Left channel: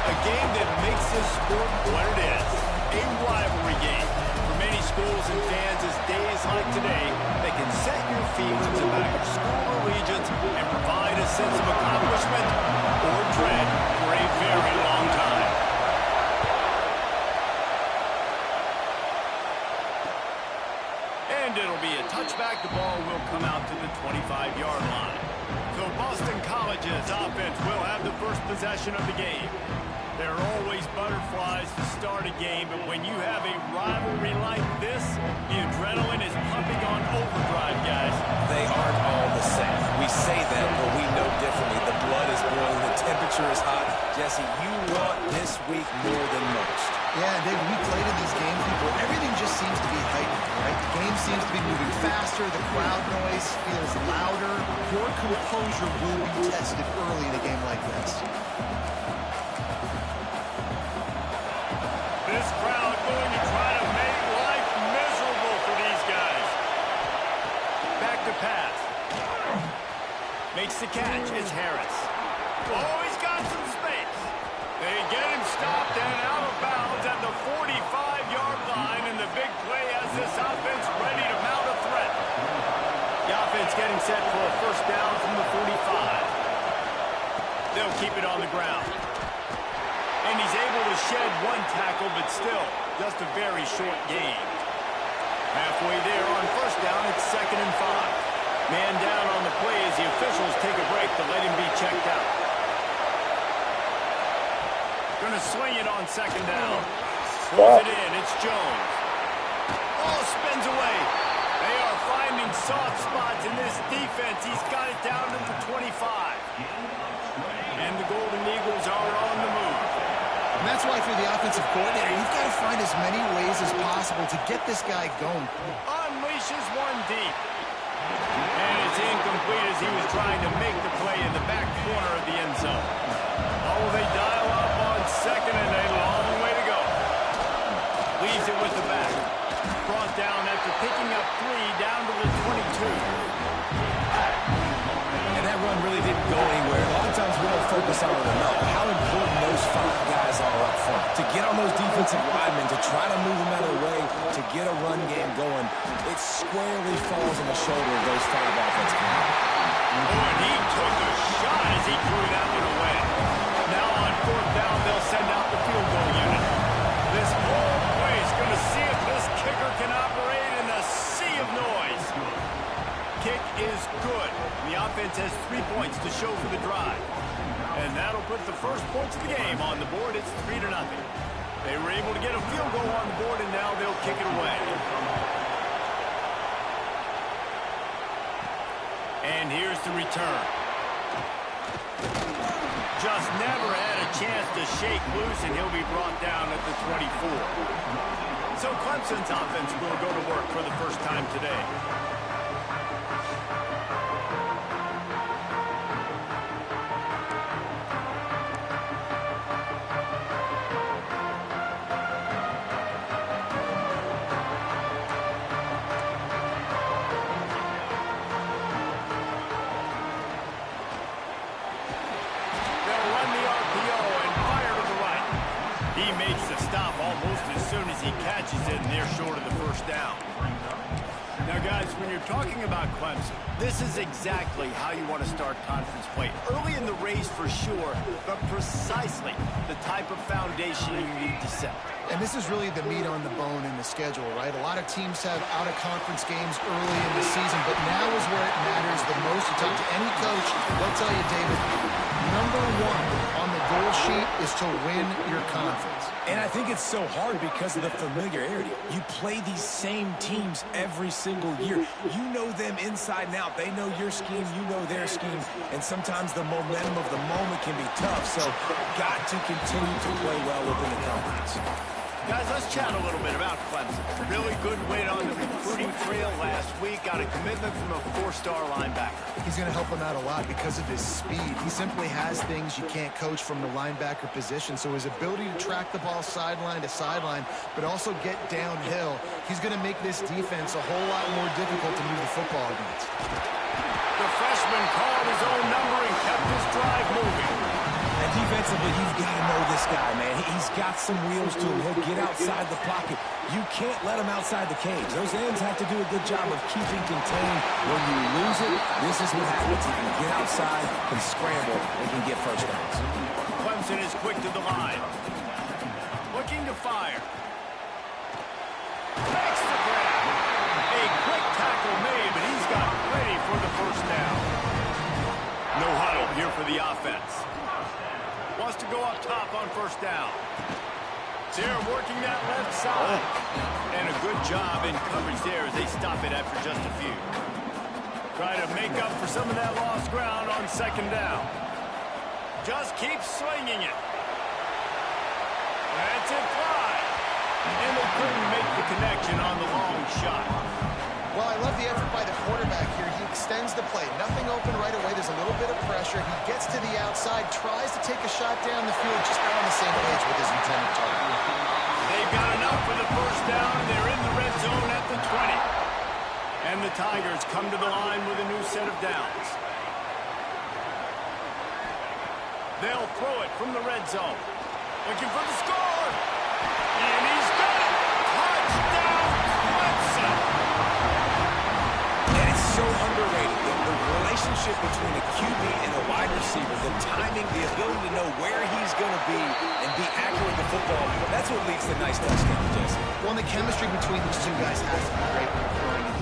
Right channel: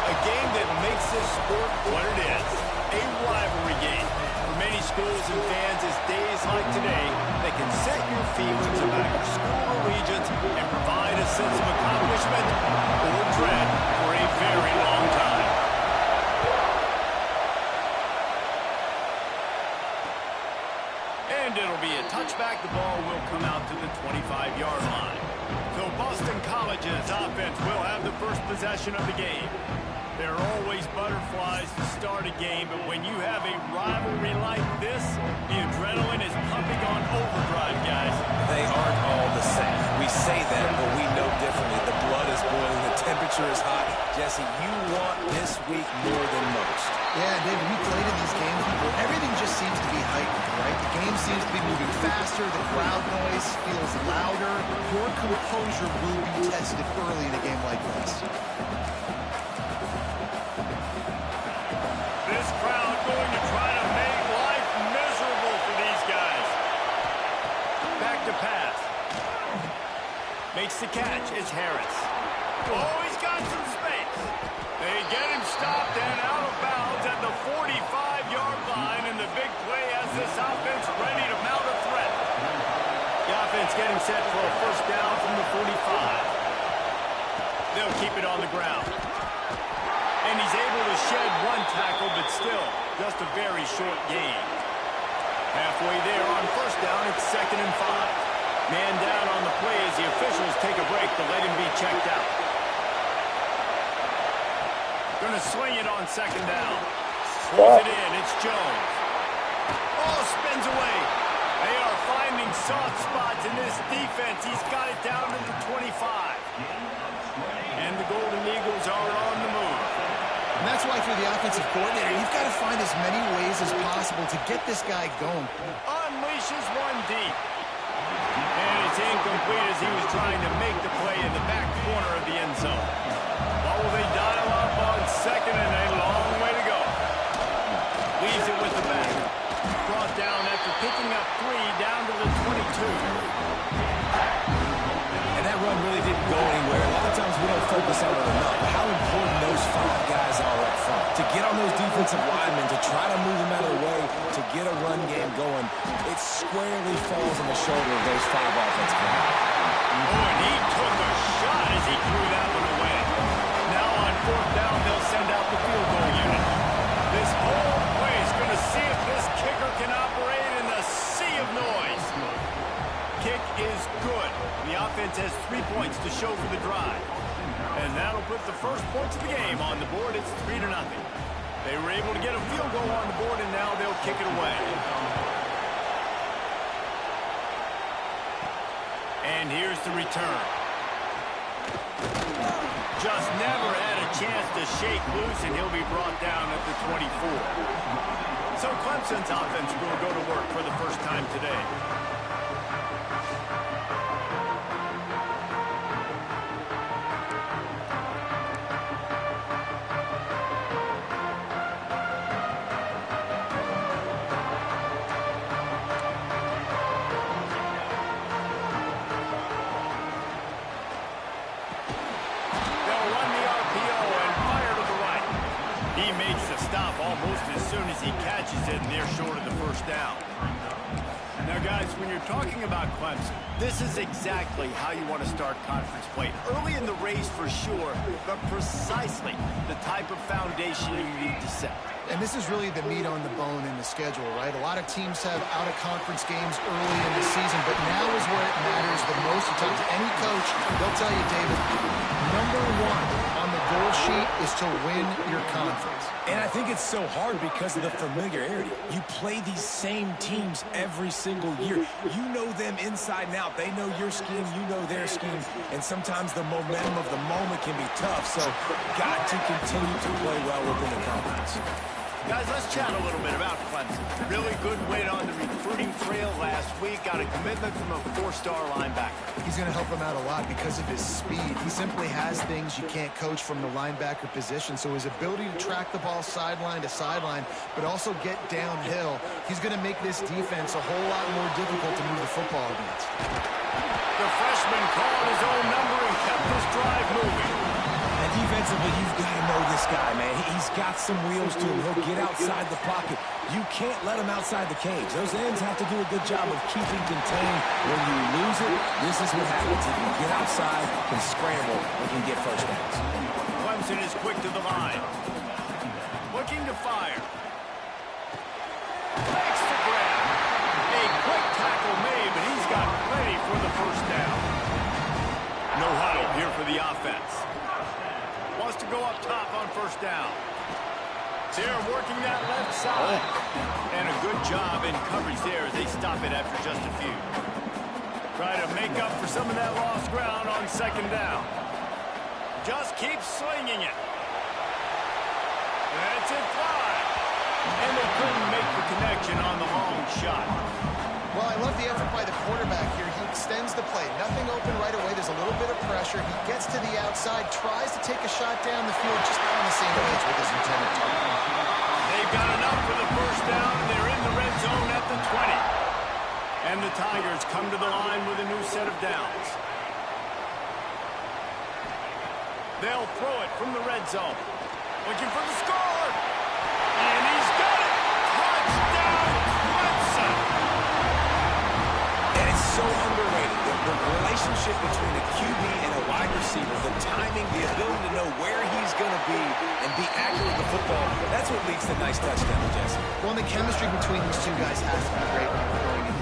A game that makes this sport what it is, a rivalry game. For many schools and fans, it's days like today that can set your feelings about your school allegiance and provide a sense of accomplishment or dread for a very long time. And it'll be a touchback. The ball will come out to the 25-yard line. So Boston College's offense will have the first possession of the game. There are always butterflies to start a game, but when you have a rivalry like this, the adrenaline is pumping on overdrive, guys. They aren't all the same. We say that, but we know differently. The blood is boiling, the temperature is hot. Jesse, you want this week more than most. Yeah, David, we played in these games before. Everything just seems to be heightened, right? The game seems to be moving faster. The crowd noise feels louder. Your composure will be tested early in a game like this. This crowd going to try to make life miserable for these guys. Back to pass. Makes the catch. It's Harris. Oh, he's got some space. They get him stopped and out of bounds at the 45-yard line, and the big play has this offense ready to mount a threat. The offense getting set for a first down from the 45. They'll keep it on the ground. And he's able to shed one tackle, but still, just a very short gain. Halfway there on first down, it's 2nd and 5. Man down on the play as the officials take a break to let him be checked out. Going to swing it on 2nd down. Pulls it in, it's Jones. Oh, spins away. They are finding soft spots in this defense. He's got it down to the 25. And the Golden Eagles are on the move. And that's why, through the offensive coordinator, you've got to find as many ways as possible to get this guy going. Unleashes one deep. And it's incomplete as he was trying to make the play in the back corner of the end zone. Oh, they dial up on 2nd and a long way to go. Leaves it with the back. Brought down after picking up 3 down to the 22. And that run really didn't go anywhere. A lot of times we don't focus on it enough. How important those 5 guys are up front. To get on those defensive linemen, to try to move them out of the way, to get a run game going, it squarely falls on the shoulder of those 5 offensive linemen. Oh, and he took a shot as he threw that one away. Now on 4th down, they'll send out the field goal unit. This whole place going to see if this kicker can operate in the sea of noise. Kick is good. The offense has 3 points to show for the drive. And that'll put the first points of the game on the board. It's 3-0. They were able to get a field goal on the board, and now they'll kick it away. And here's the return. Just never had a chance to shake loose, and he'll be brought down at the 24. So Clemson's offense will go to work for the first time today. Almost as soon as he catches it, and they're short of the first down. Now, guys, when you're talking about Clemson, this is exactly how you want to start conference play. Early in the race for sure, but precisely the type of foundation you need to set. And this is really the meat on the bone in the schedule, right? A lot of teams have out-of-conference games early in the season, but now is where it matters the most. You talk to any coach, they'll tell you, David, number 1 on the goal sheet is to win your conference. And I think it's so hard because of the familiarity. You play these same teams every single year. You know them inside and out. They know your scheme, you know their scheme, and sometimes the momentum of the moment can be tough, so got to continue to play well within the conference. Guys, let's chat a little bit about Clemson. Really good win on the recruiting trail last week. Got a commitment from a 4-star linebacker. He's going to help him out a lot because of his speed. He simply has things you can't coach from the linebacker position. So his ability to track the ball sideline to sideline, but also get downhill, he's going to make this defense a whole lot more difficult to move the football against. The freshman called his own number and kept this drive moving. And defensively, you've got to know this guy, man. He's got some wheels to him. He'll get outside the pocket. You can't let him outside the cage. Those ends have to do a good job of keeping contained. When you lose it, this is what happens. He can get outside, can scramble, and can get first downs. Clemson is quick to the line. Looking to fire. Makes the grab. A quick tackle made, but he's got plenty for the first down. No huddle here for the offense. Wants to go up top on first down. They're working that left side. And a good job in coverage there as they stop it after just a few. Try to make up for some of that lost ground on second down. Just keep swinging it. Lets it fly. And they couldn't make the connection on the long shot. Well, I love the effort by the quarterback here. He extends the play. Nothing open right away. There's a little bit of pressure. He gets to the outside, tries to take a shot down the field, just not on the same page with his intended target. They've got enough for the first down, and they're in the red zone at the 20. And the Tigers come to the line with a new set of downs. They'll throw it from the red zone. Looking for the score. And he's got it. Touchdown, Clemson. And it's so underrated. The relationship between a QB and a wide receiver, the timing, the ability to know where he's going to be and be accurate with the football, that's what leads to nice touchdowns, Jesse. Well, and the chemistry between these two guys has to be great when you're throwing it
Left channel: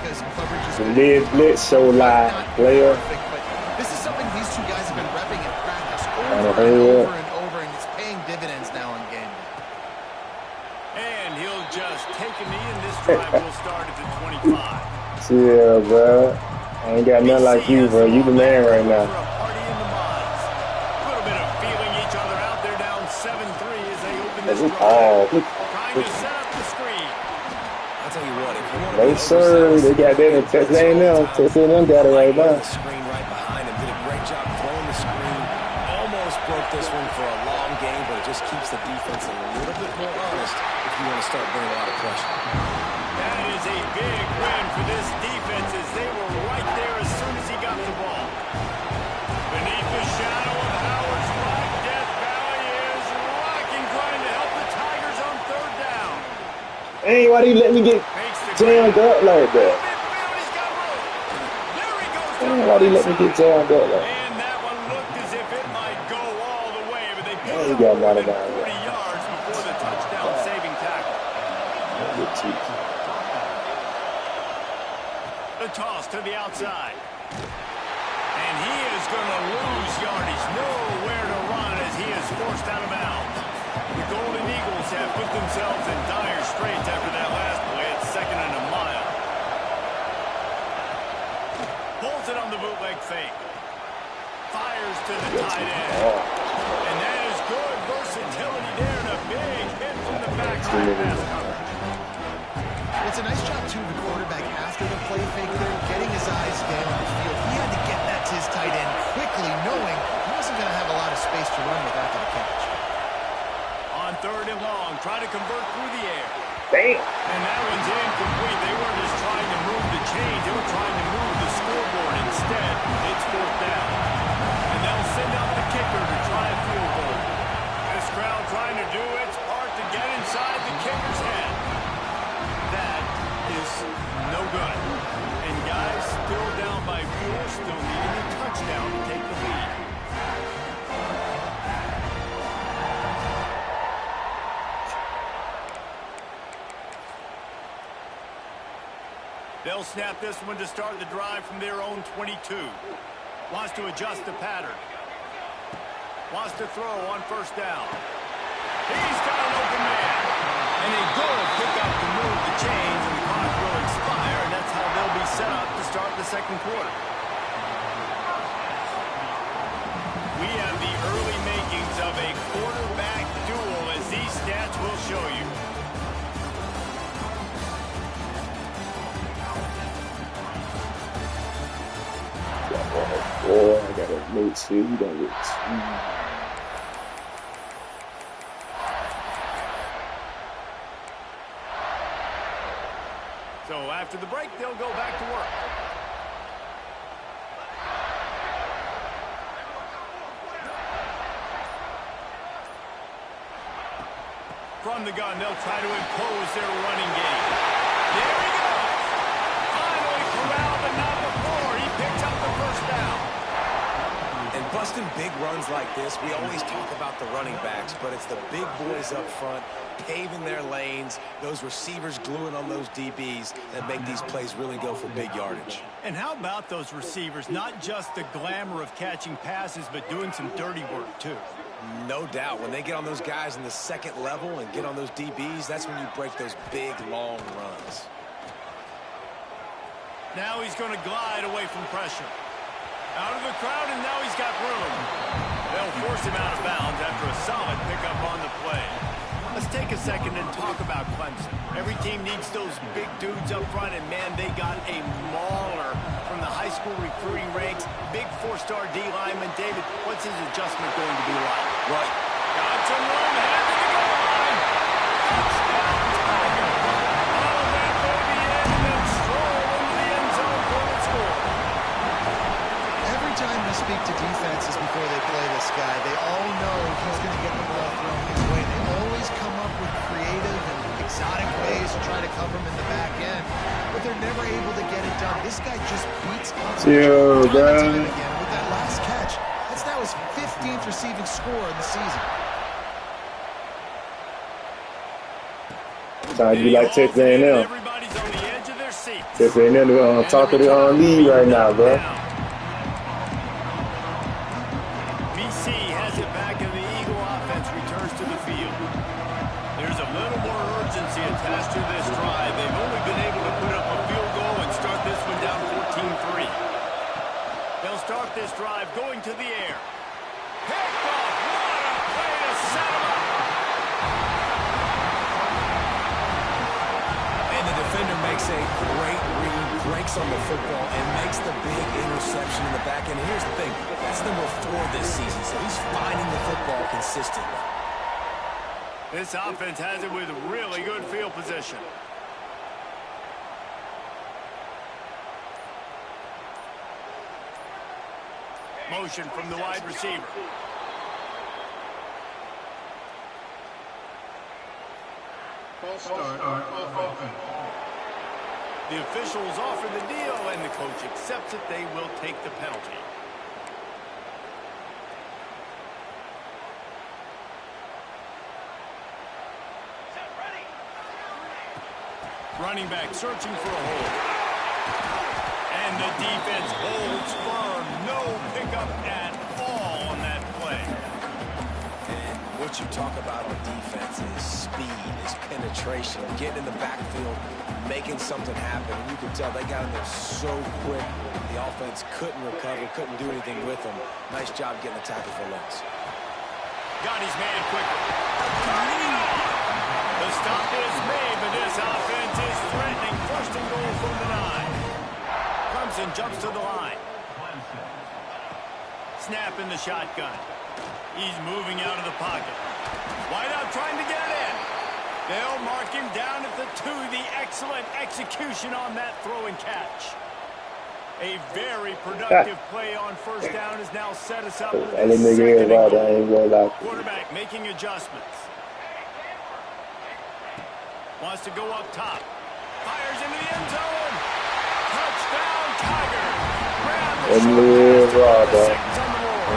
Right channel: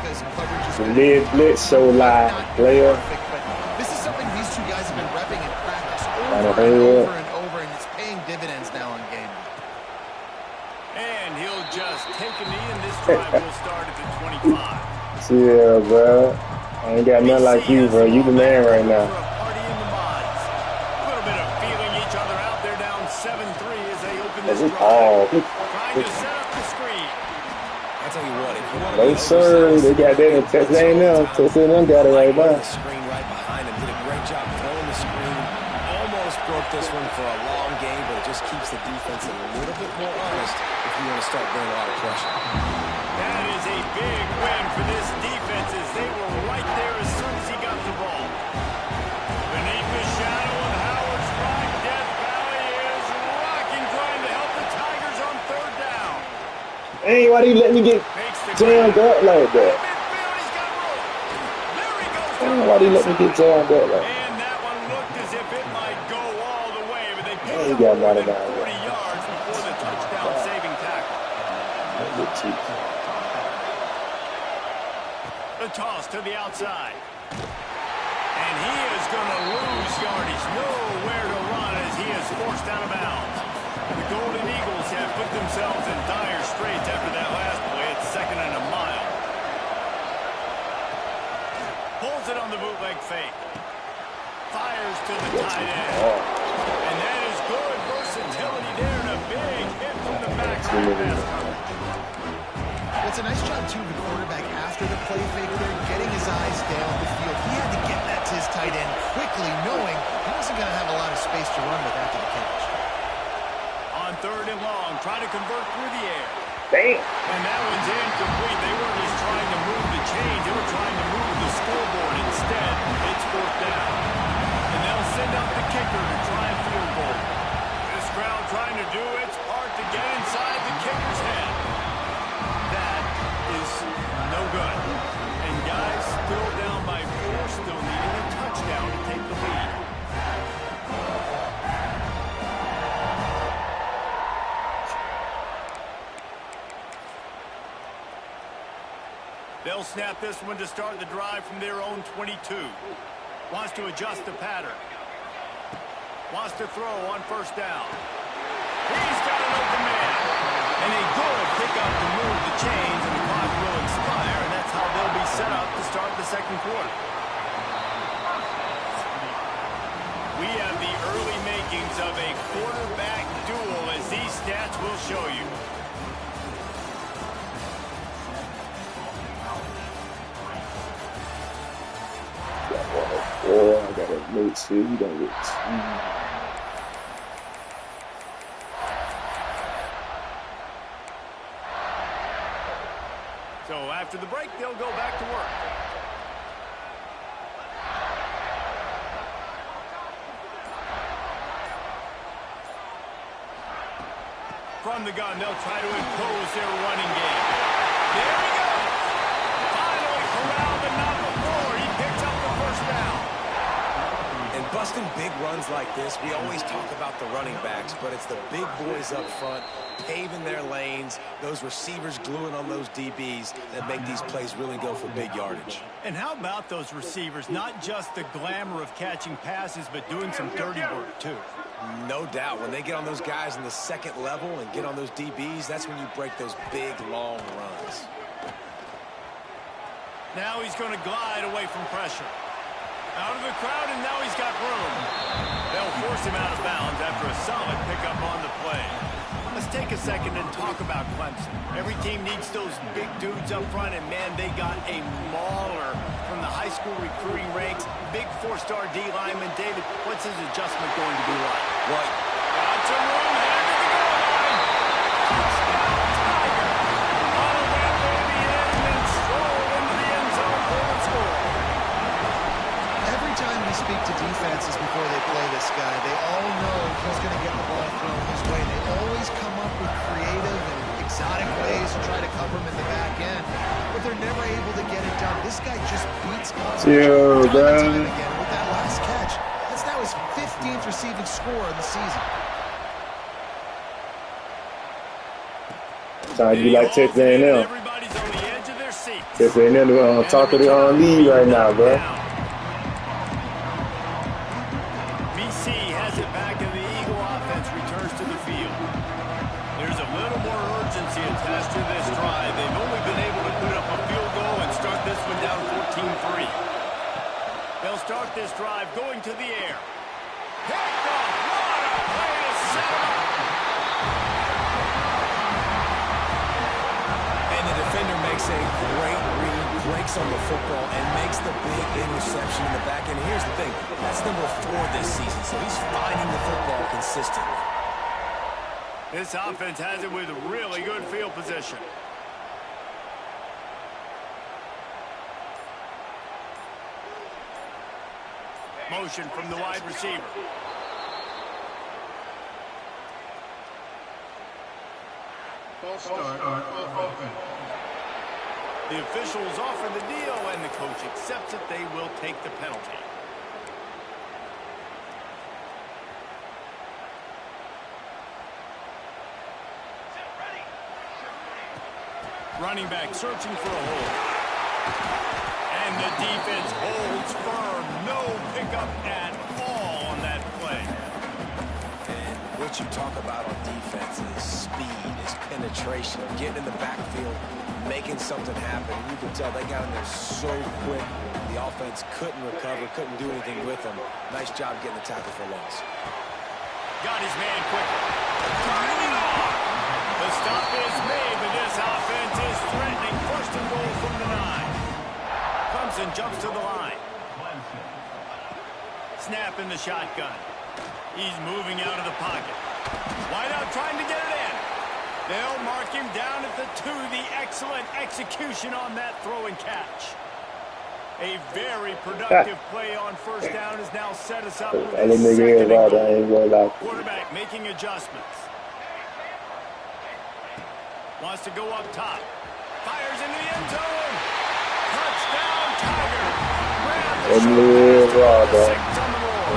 because coverage is The mid blitz so live, player. perfect, but this is something these two guys have been repping in practice over and over and over, and it's paying dividends now on game day. And he'll just take a knee, and this drive will start at the 25. Yeah, bro. I ain't got nothing like you, bro. You the man right now. A party in the mods. A little bit of feeling each other out there down 7-3 as they open this drive. Trying to set up the screen. I'll tell you what, if you want to No, sir. They got that in Texas A&M. Texas A&M got it right now. The screen right behind him. Did a great job throwing the screen. Almost broke this one for a long game, but it just keeps the defense a little bit more honest if you want to start bringing a lot of pressure. That is a big win for this defense as they were right there as soon as he got the ball. Beneath the shadow of Howard's right, Death Valley is rocking, trying to help the Tigers on third down. Hey, why do you let me get jammed up like that? Midfield, he's got room. There he goes. Hey, why do you let me get jammed up like that? And that one looked as if it might go all the way, but they picked He up got more right than about 40 yards before the touchdown-saving tackle. Good cheeks. The toss to the outside. And he is going to lose yardage. Nowhere to run as he is forced out of bounds. The Golden Eagles have put themselves in dire straits after that last play. It's 2nd and a mile. Pulls it on the bootleg fake. Fires to the tight end. And that is good versatility there and a big hit from the backside pass coverage. Well, it's a nice job, too, of the quarterback after the play fake there, getting his eyes down the field. He had to get that to his tight end quickly, knowing he wasn't going to have a lot of space to run with after the catch. On 3rd and long, try to convert through the air. Damn. And that one's incomplete. They weren't just trying to move the chains. They were trying to move the scoreboard. Instead, it's 4th down. And they'll send out the kicker to try a field goal. This crowd trying to do its part to get inside the kicker's head. That is no good. And guys still down by 4, still needing a touchdown to take the lead. They'll snap this one to start the drive from their own 22. Wants to adjust the pattern. Wants to throw on 1st down. He's got an open man. And a good pickup to move the chains, and the clock will expire, and that's how they'll be set up to start the 2nd quarter. We have the early makings of a quarterback duel, as these stats will show you. I got a mate 2. You don't get 2. So after the break, they'll go back to work. From the gun, they'll try to impose their running game. There he goes. Finally corralled, but not before. He picks up the first down. And busting big runs like this, we always talk about the running backs, but it's the big boys up front, paving their lanes, those receivers gluing on those DBs that make these plays really go for big yardage. And how about those receivers? Not just the glamour of catching passes, but doing some dirty work, too. No doubt. When they get on those guys in the second level and get on those DBs, that's when you break those big, long runs. Now he's going to glide away from pressure. Out of the crowd, and now he's got room. They'll force him out of bounds after a solid pickup on the play. Let's take a second and talk about Clemson. Every team needs those big dudes up front, and, man, they got a mauler from the high school recruiting ranks. Big four-star D lineman. David, what's his adjustment going to be like? Right. Got some room, head to the goal line. Touchdown, Tiger. Bottle that baby in and then stroll into the end zone for the score. Every time we speak to defenses before they play this guy, they all know he's going to get the ball thrown his way. They always come up with creative and exotic ways to try to cover him in the back end, but they're never able to get it done. This guy just beats up time and time again. With that last catch, that's now his 15th receiving score in the season. Sounds like Texas A&M. Everybody's on the edge of their seat. Texas A&M on top of the lead right now, bro. Has it back, and the Eagle offense returns to the field. There's a little more urgency attached to this drive. They've only been able to put up a field goal and start this one down 14-3. They'll start this drive going to the air. Picked off. What a play to set him up. And the defender makes a great read, breaks on the football, and makes the big interception in the back end. Here's the thing. That's number 4 this season, so he's finding the football consistently. This offense has it with really good field position. Motion from the wide receiver. False start on offense. The officials offer the deal, and the coach accepts it. They will take the penalty. Running back searching for a hole. And the defense holds firm. No pickup at all on that play. And what you talk about on defense is speed, is penetration, getting in the backfield, making something happen. And you can tell they got in there so quick. The offense couldn't recover, couldn't do anything with them. Nice job getting the tackle for loss. Got his man quickly. Turning it on. The stop is made, but this offense is threatening. First and goal from the 9. Clemson jumps to the line. Snap in the shotgun. He's moving out of the pocket. Wide out trying to get it in. They'll mark him down at the 2. The excellent execution on that throw and catch. A very productive play on first down has now set us up with this second and goal. Quarterback making adjustments. Wants to go up top. Fires into the end zone. Touchdown, Tiger. Grab the short pass on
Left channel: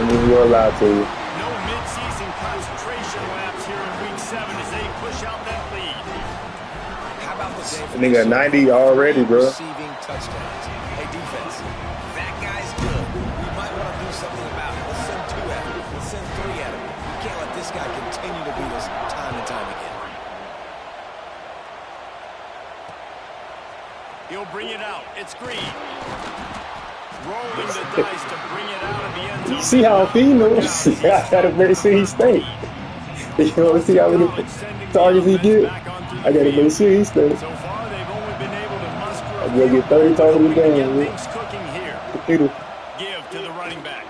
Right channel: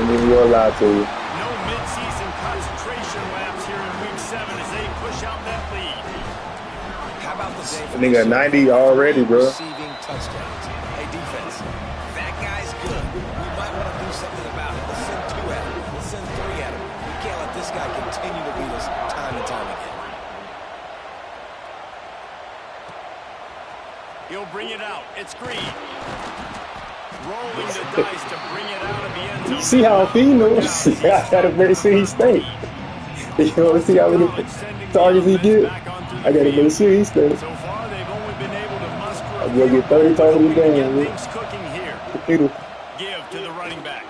the board. No midseason concentration laps here in Week 7 as they push out that lead. How about the day for nigga 90 already, bro. Receiving touchdowns. Hey, defense, that guy's good. We might want to do something about it. Let's send 2 at him. Let's send 3 at him. We can't let this guy continue to beat us time and time again. He'll bring it out. It's Green. Rolling the dice to bring it out of the end zone. See how he knows? I gotta make sure he stays. You want to see how many targets he get? I gotta make sure he stays. So far, they've only been able to muster a I'm gonna get 30 targets a game. things cooking here. Give to the running back.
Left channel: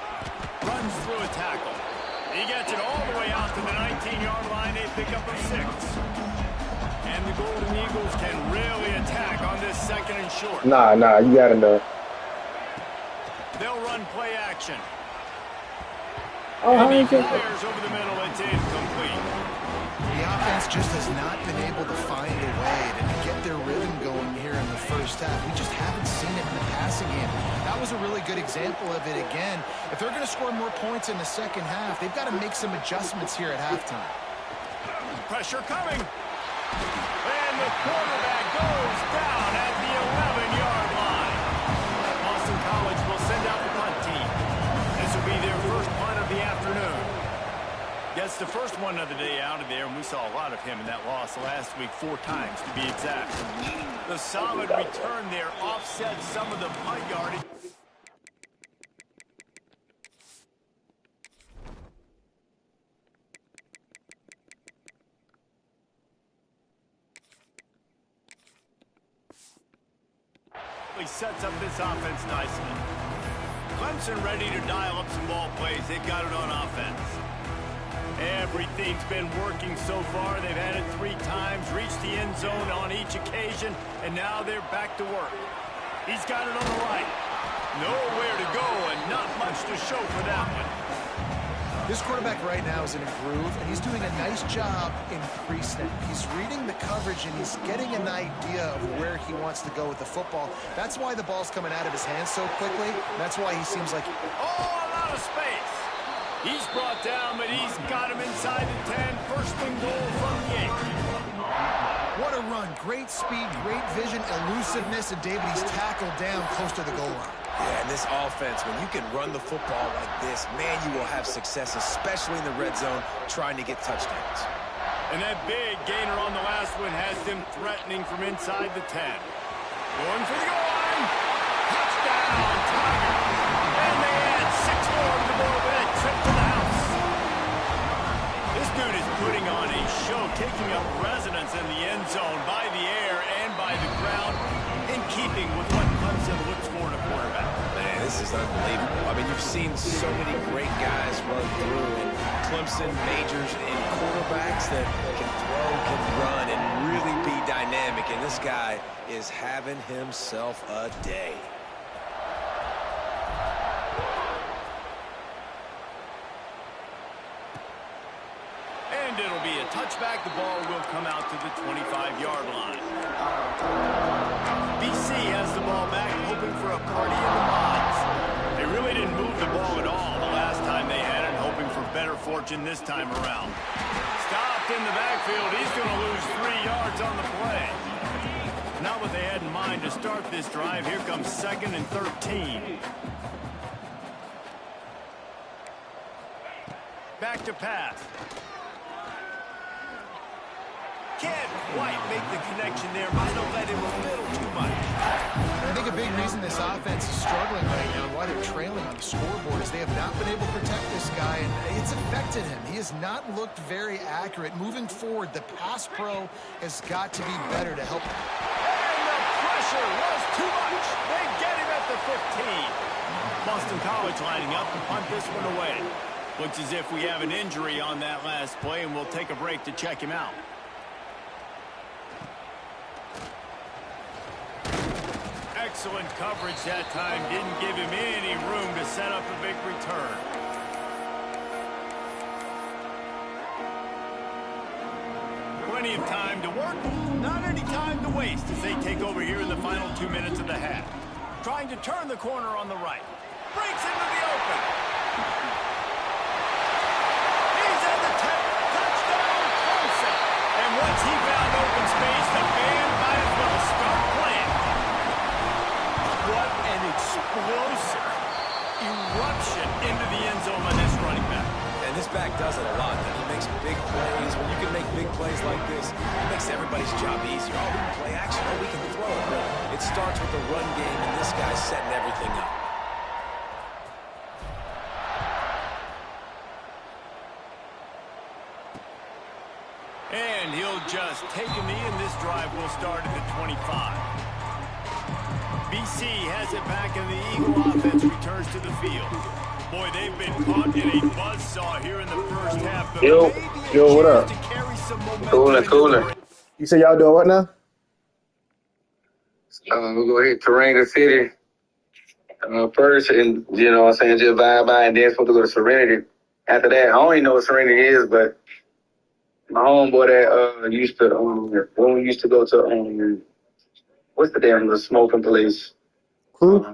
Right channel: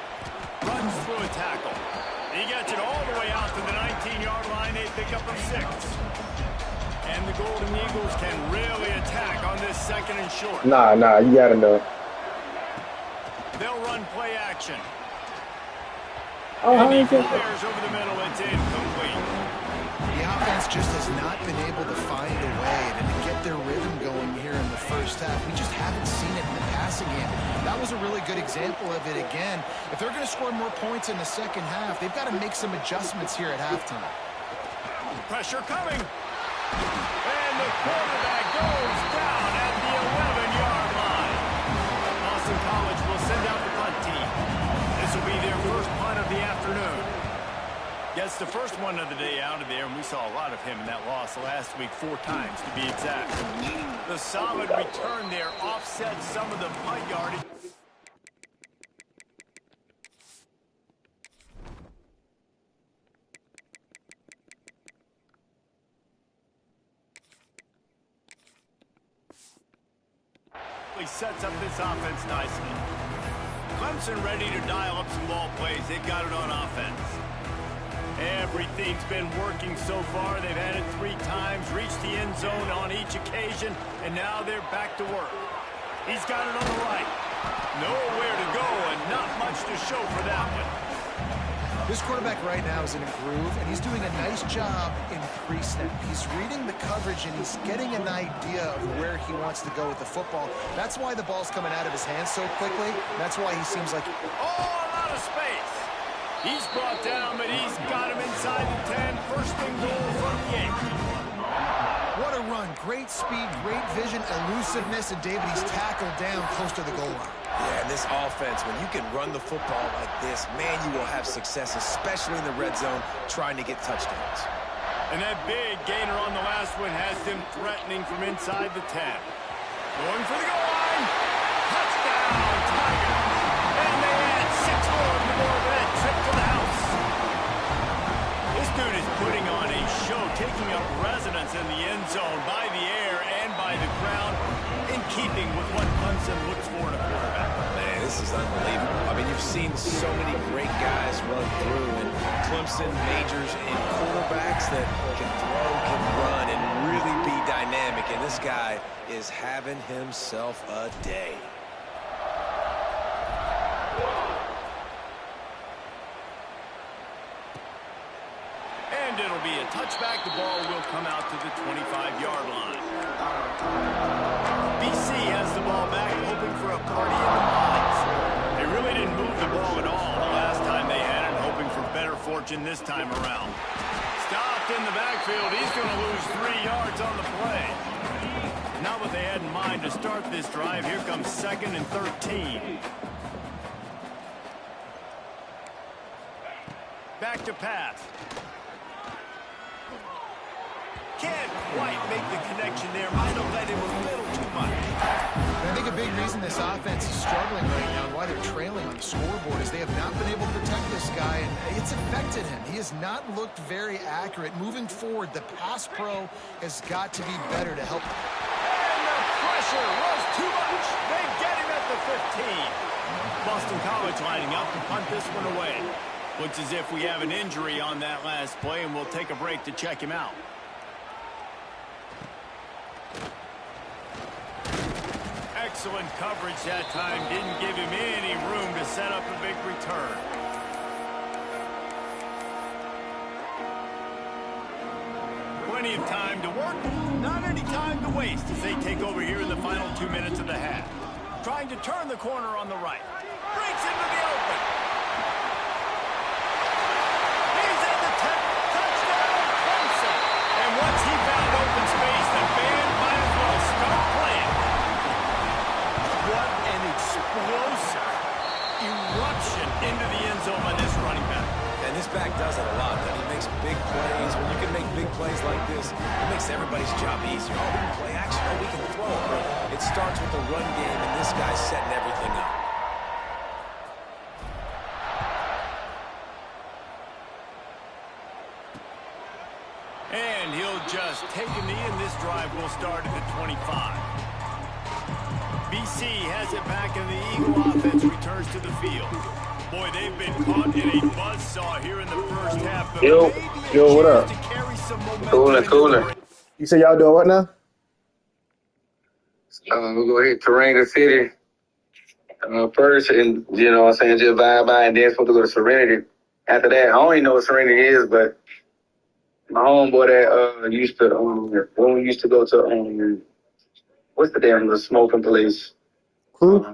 Runs through a tackle. He gets it all the way out to the 19-yard line. They pick up a 6. And the Golden Eagles can really attack on this second and short. Nah, you gotta know. They'll run play action. Oh, how And he you get fires over the middle. It's incomplete. The offense just has not been able to find a way to get their rhythm going here in the first half. We just haven't seen it in the passing game. That was a really good example of it again. If they're going to score more points in the second half, they've got to make some adjustments here at halftime. Pressure coming. And the quarterback goes down at the 11-yard line. Boston College will send out the punt team. This will be their first punt of the afternoon. Gets the first one of the day out of there, and we saw a lot of him in that loss last week, 4 times to be exact. The solid return there offset some of the punt yardage. He sets up this offense nicely. Clemson ready to dial up some ball plays. They've got it on offense. Everything's been working so far. They've had it 3 times, reached the end zone on each occasion, and now they're back to work. He's got it on the right. Nowhere to go and not much to show for that one. This quarterback right now is in a groove, and he's doing a nice job in pre-snap. He's reading the coverage, and he's getting an idea of where he wants to go with the football. That's why the ball's coming out of his hands so quickly. That's why he seems like... Oh, a lot of space. He's brought down, but he's got him inside the 10. First and goal from the 8. What a run. Great speed, great vision, elusiveness, and David, he's tackled down close to the goal line. Yeah, and this offense, when you can run the football like this, man, you will have success, especially in the red zone, trying to get touchdowns. And that big gainer on the last one has them threatening from inside the 10. Going for the goal line. Touchdown, Tigers. And they add 6 more to the board with that trip to the house. This dude is putting on a show, taking up residence in the end zone by the air and by the ground, in keeping with what Clemson looks for in a quarterback. Man, this is unbelievable. I mean, you've seen so many great guys run through, and Clemson majors in quarterbacks that can throw, can run, and really be dynamic, and this guy is having himself a day. And it'll be a touchback. The ball will come out to the 25-yard line. BC has the ball back, hoping for a party in the mods. They really didn't move the ball at all the last time they had it, hoping for better fortune this time around. Stopped in the backfield. He's going to lose 3 yards on the play. Not what they had in mind to start this drive. Here comes 2nd and 13. Back to pass. Can't quite make the connection there. Might have led him a little too much. And I think a big reason this offense is struggling right now and why they're trailing on the scoreboard is they have not been able to protect this guy, and it's affected him. He has not looked very accurate. Moving forward, the pass pro has got to be better to help. And the pressure was too much. They get him at the 15. Boston College lining up to punt this one away. Looks as if we have an injury on that last play, and we'll take a break to check him out. Excellent coverage that time. Didn't give him any room to set up a big return. Plenty of time to work. Not any time to waste as they take over here in the final 2 minutes of the half. Trying to turn the corner on the right. Breaks into the open. He's at the 10. Touchdown, Clemson. And once he found open space, the band might as well start playing. What an explosive eruption into the end zone by this running back. And this back does it a lot. He makes big plays. When you can make big plays like this, it makes everybody's job easier. Oh, we can play action. Oh, we can throw. But it starts with the run game, and this guy's setting everything up. And he'll just take a knee, and this drive will start at the 25. BC has it back, and the Eagle offense returns to the field. Boy, they've been caught in a buzzsaw here in the first half. But Yo, what up? Cooler. You say y'all doing what now? We'll go hit Taranga City first, and you know what I'm saying, just vibe by, and then supposed to go to Serenity. After that, I don't even know what Serenity is, but My homeboy that used to when we used to go to what's the damn the smoking place? Crew?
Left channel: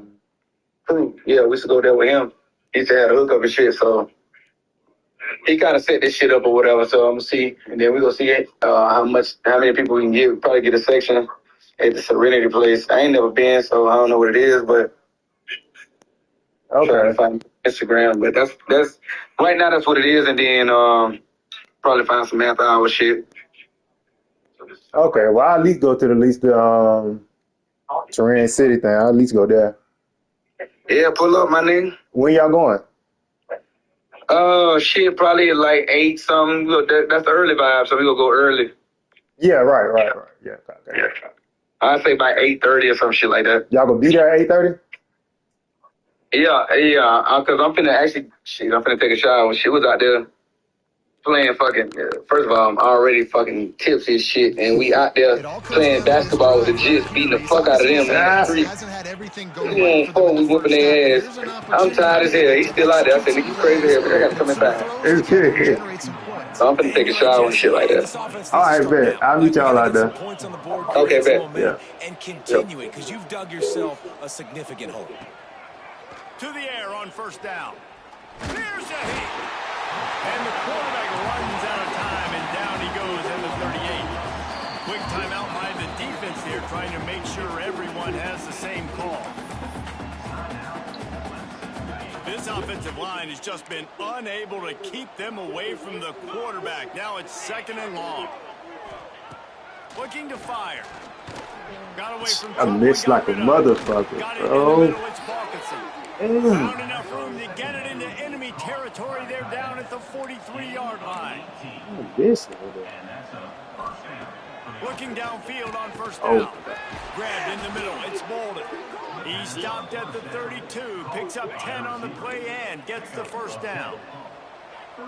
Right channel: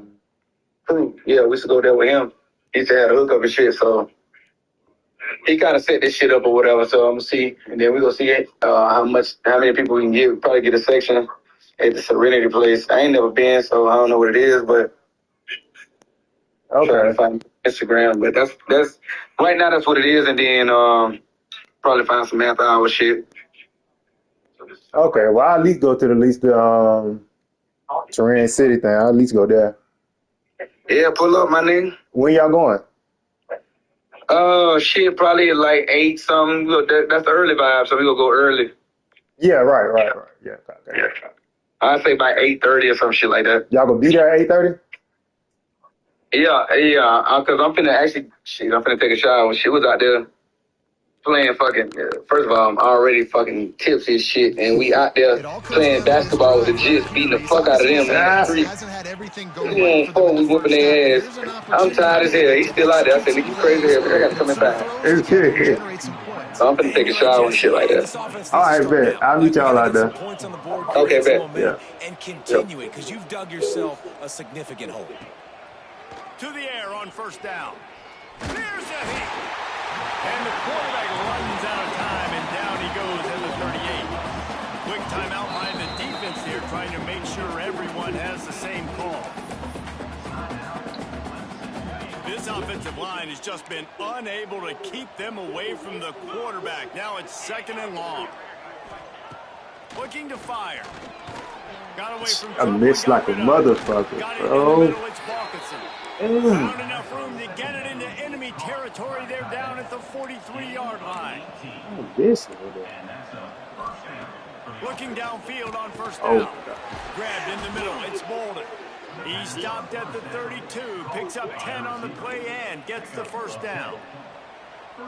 Crew. Yeah, we used to go there with him. He used to have a hookup and shit, he kind of set this shit up or whatever. So I'm gonna see, and then we gonna see how many people we can get. Probably get a section at the Serenity place. I ain't never been, so I don't know what it is, but I'm trying to find Instagram. But that's right now. That's what it is, and then probably find some after hour shit. Okay, well, I'll at least go to the Terrain City thing. I'll at least go there. Yeah, pull up, my nigga. When y'all going? Shit, probably like 8 something. Look, that's the early vibe, so we gonna go early. Yeah, right. Yeah, okay. Yeah. I'd say by 8:30 or some shit like that. Y'all gonna be there at 8:30? Yeah. Cause I'm finna take a shower. She was out there playing fucking. First of all, I'm already fucking tipsy as shit, and we out there playing basketball with the Jits, beating the fuck out of them in the street. We whooping their ass. I'm tired as hell. He's still out there. I said, "Nigga, you crazy as hell. I gotta come inside." So I'm finna take a shower and shit like that. All right, bet. I'll meet y'all out there. Okay, bet. Yeah. And continue it because you've dug yourself a significant hole. To the air on first down. There's a hit. And the quarterback runs out of time, and down he goes at the 38. Quick timeout by the defense here, trying to make sure everyone has the same call. This offensive line has just been unable to keep them away from the quarterback. Now it's 2nd and long. Looking to fire. Got away from I missed like a motherfucker, bro. Found enough room to get it into enemy territory. They're down at the 43-yard line. Looking downfield on first down. Grabbed in the middle. It's Bolden. He stopped at the 32. Picks up 10 on the play and gets the first down.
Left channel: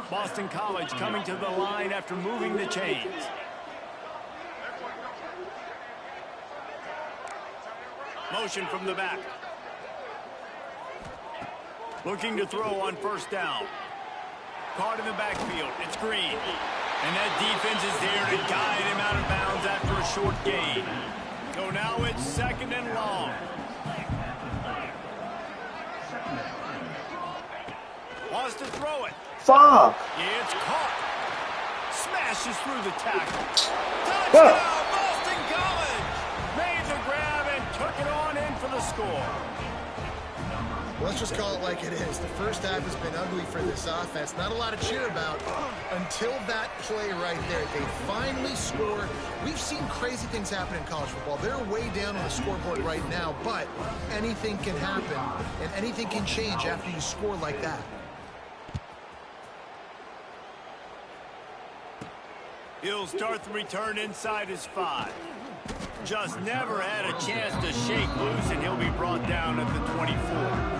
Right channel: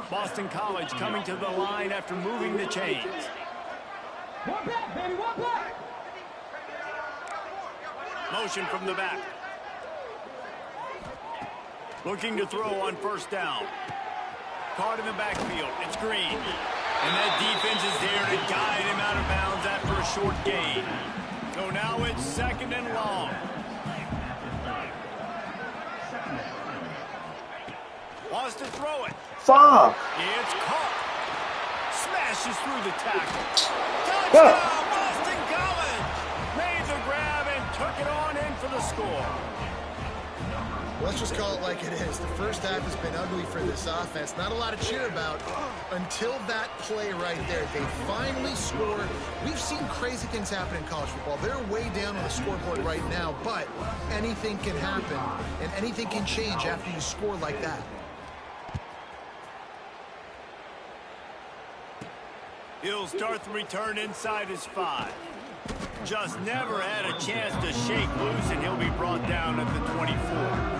Boston College coming to the line after moving the chains. Motion from the back. Looking to throw on first down. Caught in the backfield. It's Green. And that defense is there to guide him out of bounds after a short gain. So now it's 2nd and long. Wants to throw it. Fuck. It's caught. Smashes through the tackle. Touchdown, Boston College! Made the grab and took it on in for the score. Let's just call it like it is. The first half has been ugly for this offense. Not a lot to cheer about until that play right there. They finally scored. We've seen crazy things happen in college football. They're way down on the scoreboard right now, but anything can happen, and anything can change after you score like that. He'll start the return inside his 5. Just never had a chance to shake loose, and he'll be brought down at the 24.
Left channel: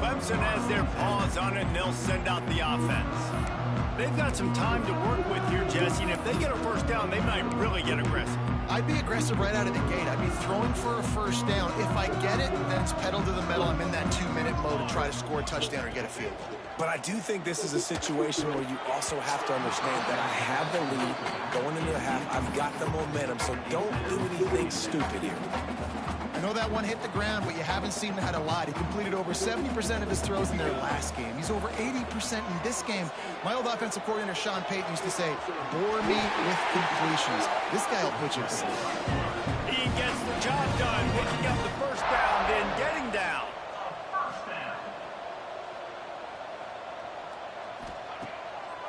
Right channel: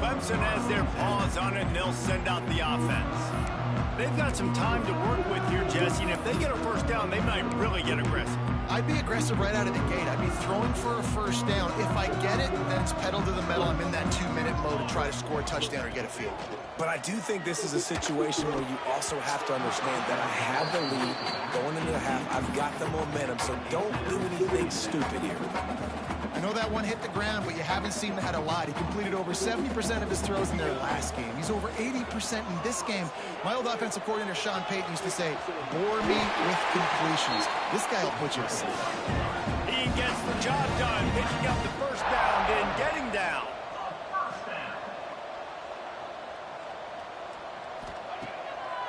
Clemson has their paws on it, and they'll send out the offense. They've got some time to work with here, Jesse, and if they get a first down, they might really get aggressive. I'd be aggressive right out of the gate. I'd be throwing for a first down. If I get it, then it's pedal to the metal. I'm in that 2-minute mode to try to score a touchdown or get a field goal. But I do think this is a situation where you also have to understand that I have the lead going into the half. I've got the momentum, so don't do anything stupid here. I know that one hit the ground, but you haven't seen him had a lot. He completed over 70% of his throws in their last game. He's over 80% in this game. My old offensive coordinator, Sean Payton, used to say, bore me with completions. This guy will put you to sleep. He gets the job done, picking up the first down, then getting down.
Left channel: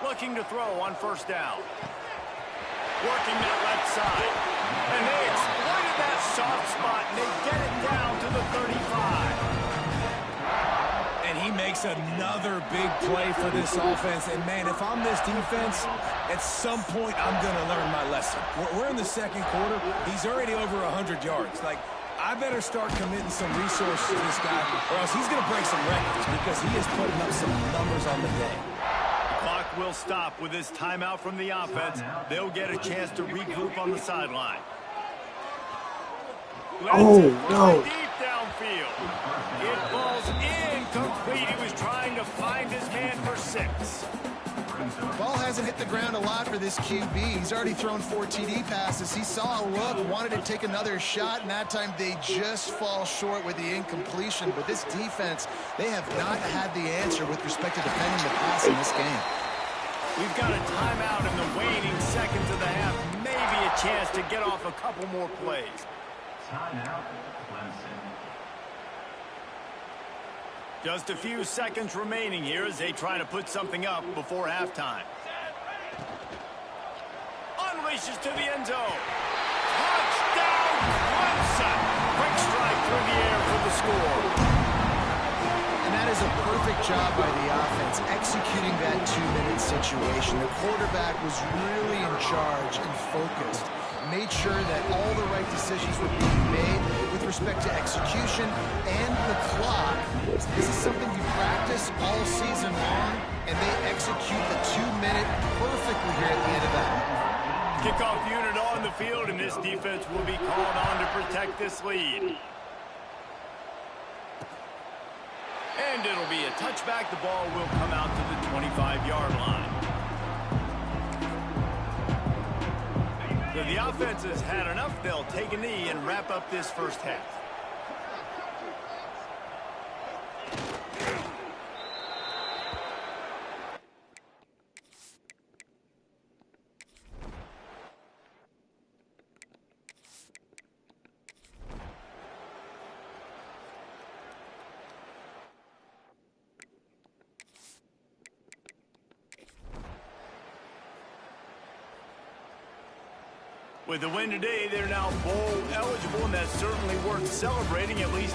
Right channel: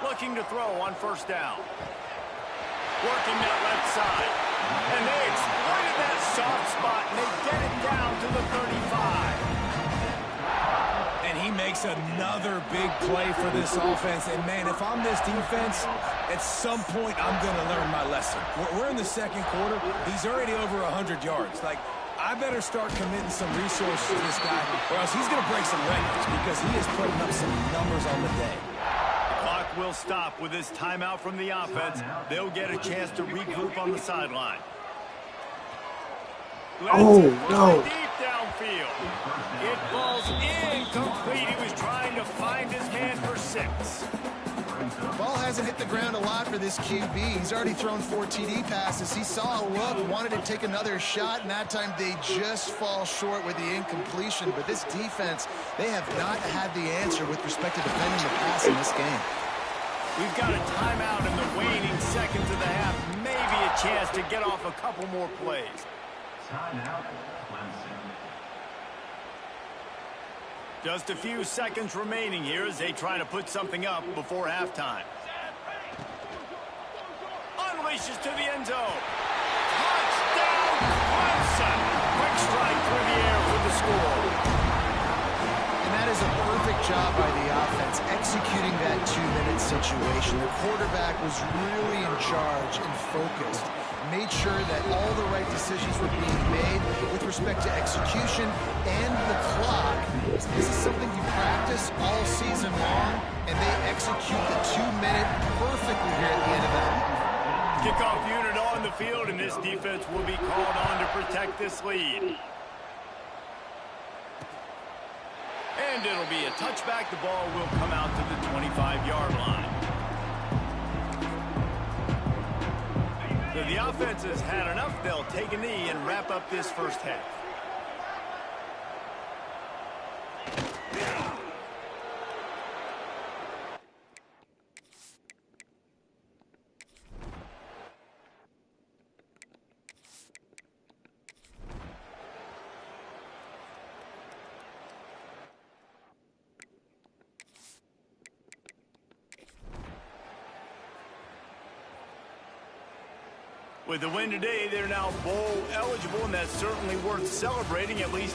Looking to throw on first down. Working that left side. And they exploited that soft spot, and they get it down to the 35. And he makes another big play for this offense. And, man, if I'm this defense, at some point I'm going to learn my lesson. We're in the second quarter. He's already over 100 yards. Like, I better start committing some resources to this guy, or else he's going to break some records because he is putting up some numbers on the day. Clock will stop with this timeout from the offense. They'll get a chance to regroup on the sideline. No. Deep downfield. It falls incomplete. He was trying to find his man for 6. Ball hasn't hit the ground a lot for this QB. He's already thrown 4 TD passes. He saw a look, wanted to take another shot, and that time they just fall short with the incompletion. But this defense, they have not had the answer with respect to defending the pass in this game. We've got a timeout in the waning seconds of the half. Maybe a chance to get off a couple more plays. Timeout, Clemson. Just a few seconds remaining here as they try to put something up before halftime. Unleashes to the end zone. Touchdown, Clemson! Quick strike through the air for the score. And that is a perfect job by the offense, executing that 2-minute situation. The quarterback was really in charge and focused. Made sure that all the right decisions were being made with respect to execution and the clock. This is something you practice all season long, and they execute the 2-minute perfectly here at the end of that. Kickoff unit on the field, and this defense will be called on to protect this lead. And it'll be a touchback. The ball will come out to the 25-yard line. So the offense has had enough. They'll take a knee and wrap up this first half. With the win today, they're now bowl eligible, and that's certainly worth celebrating, at least